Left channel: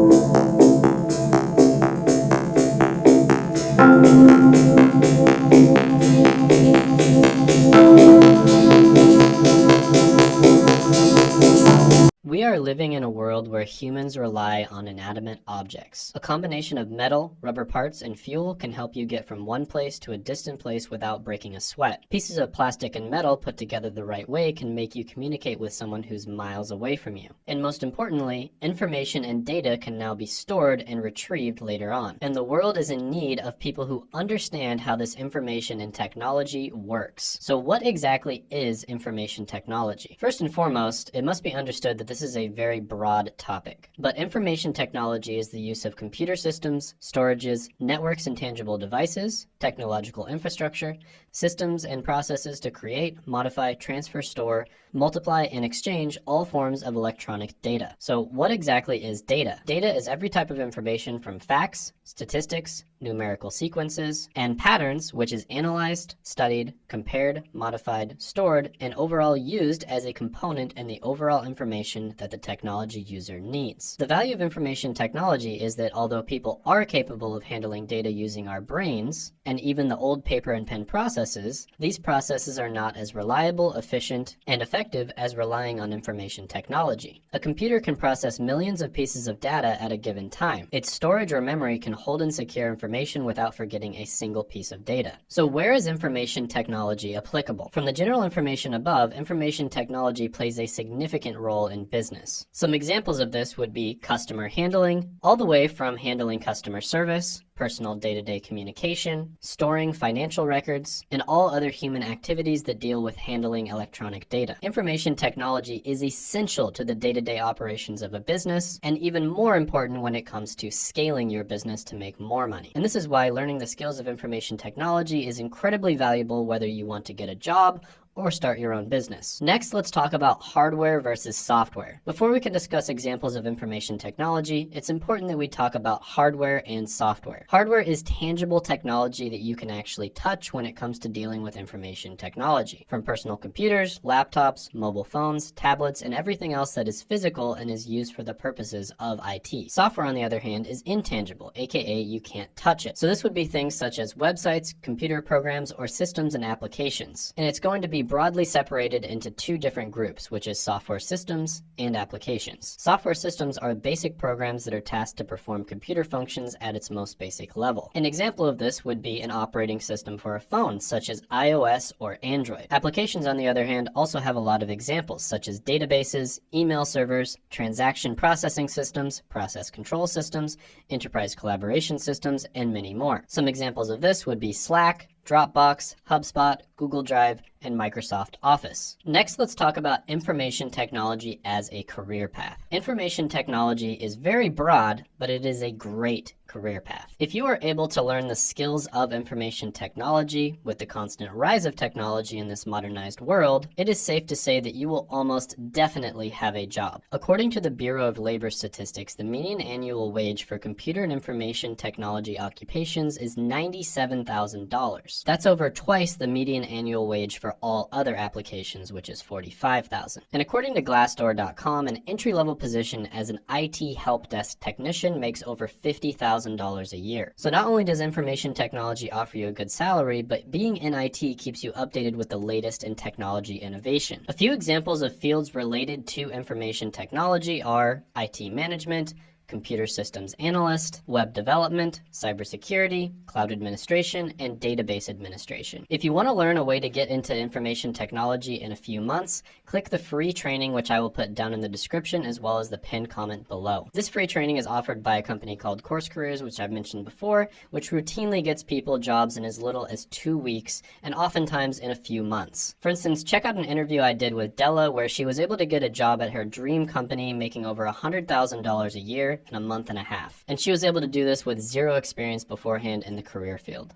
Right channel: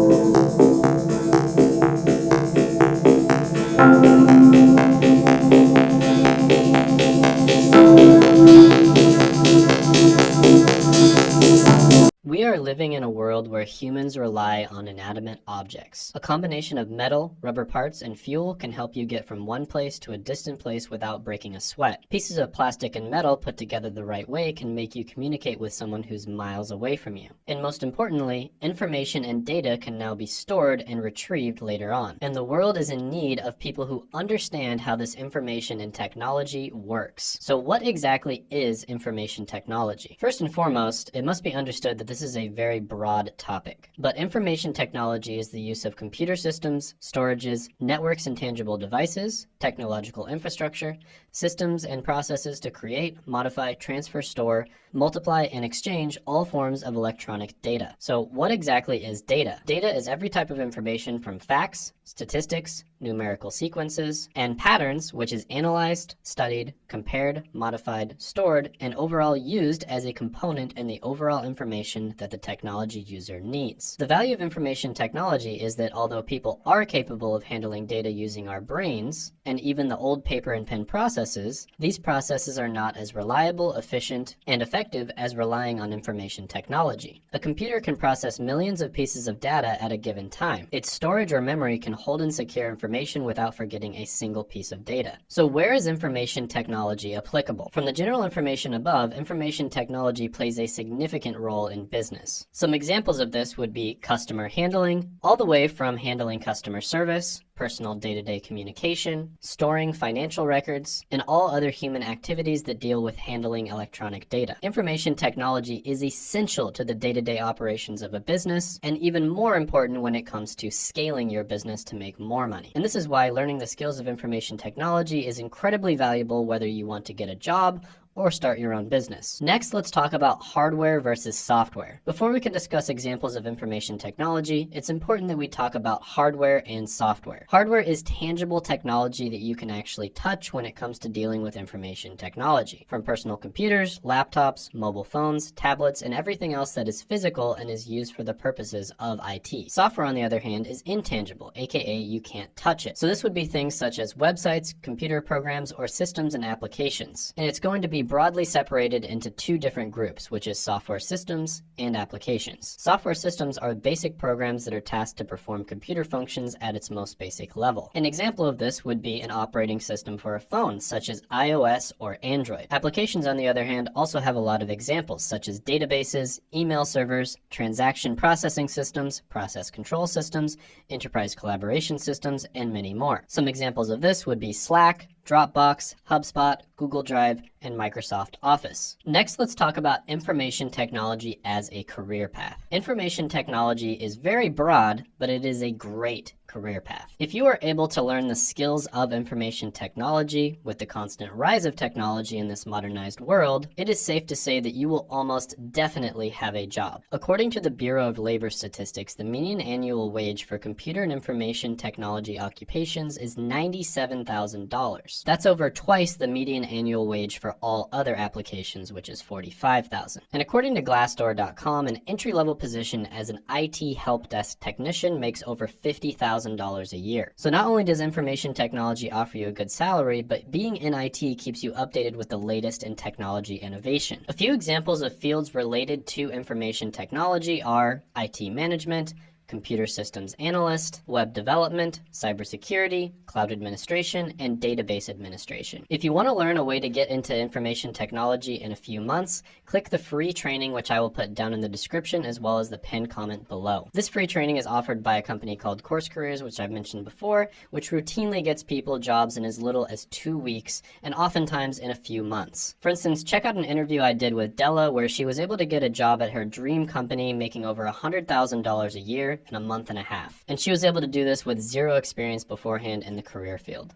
We are living in a world where humans rely on inanimate objects. A combination of metal, rubber parts, and fuel can help you get from one place to a distant place without breaking a sweat. Pieces of plastic and metal put together the right way can make you communicate with someone who's miles away from you. And most importantly, information and data can now be stored and retrieved later on. And the world is in need of people who understand how this information and technology works. So what exactly is information technology? First and foremost, it must be understood that this is a very broad topic. But information technology is the use of computer systems, storages, networks and tangible devices, technological infrastructure, systems and processes to create, modify, transfer, store, multiply, and exchange all forms of electronic data. So what exactly is data? Data is every type of information from facts, statistics, numerical sequences, and patterns, which is analyzed, studied, compared, modified, stored, and overall used as a component in the overall information that the technology user needs. The value of information technology is that although people are capable of handling data using our brains, and even the old paper and pen processes, these processes are not as reliable, efficient, and effective as relying on information technology. A computer can process millions of pieces of data at a given time. Its storage or memory can hold and secure information without forgetting a single piece of data. So where is information technology applicable? From the general information above, information technology plays a significant role in business. Some examples of this would be customer handling, all the way from handling customer service, personal day-to-day communication, storing financial records, and all other human activities that deal with handling electronic data. Information technology is essential to the day-to-day operations of a business, and even more important when it comes to scaling your business to make more money. And this is why learning the skills of information technology is incredibly valuable whether you want to get a job or start your own business. Next, let's talk about hardware versus software. Before we can discuss examples of information technology, it's important that we talk about hardware and software. Hardware is tangible technology that you can actually touch when it comes to dealing with information technology. From personal computers, laptops, mobile phones, tablets, and everything else that is physical and is used for the purposes of IT. Software, on the other hand, is intangible, aka you can't touch it. So this would be things such as websites, computer programs, or systems and applications. And it's going to be broadly separated into two different groups, which is software systems and applications. Software systems are basic programs that are tasked to perform computer functions at its most basic level. An example of this would be an operating system for a phone, such as iOS or Android. Applications, on the other hand, also have a lot of examples, such as databases, email servers, transaction processing systems, process control systems, enterprise collaboration systems, and many more. Some examples of this would be Slack, Dropbox, HubSpot, Google Drive, and Microsoft Office. Next, let's talk about information technology as a career path. Information technology is very broad, but it is a great career path. If you are able to learn the skills of information technology with the constant rise of technology in this modernized world, it is safe to say that you will almost definitely have a job. According to the Bureau of Labor Statistics, the median annual wage for computer and information technology occupations is $97,000. That's over twice the median annual wage for all other applications, which is $45,000. And according to Glassdoor.com, an entry-level position as an IT help desk technician makes over $50,000 a year. So not only does information technology offer you a good salary, but being in IT keeps you updated with the latest in technology innovation. A few examples of fields related to information technology are IT management, computer systems analyst, web development, cybersecurity, cloud administration, and database administration. If you want to learn a way to get into information technology in a few months, click the free training, which I will put down in the description as well as the pinned comment below. This free training is offered by a company called Course Careers, which I've mentioned before, which routinely gets people jobs in as little as 2 weeks and oftentimes in a few months. For instance, check out an interview I did with Della where she was able to get a job at her dream company making over $100,000 a year in a month and a half. And she was able to do this with zero experience beforehand in the career field.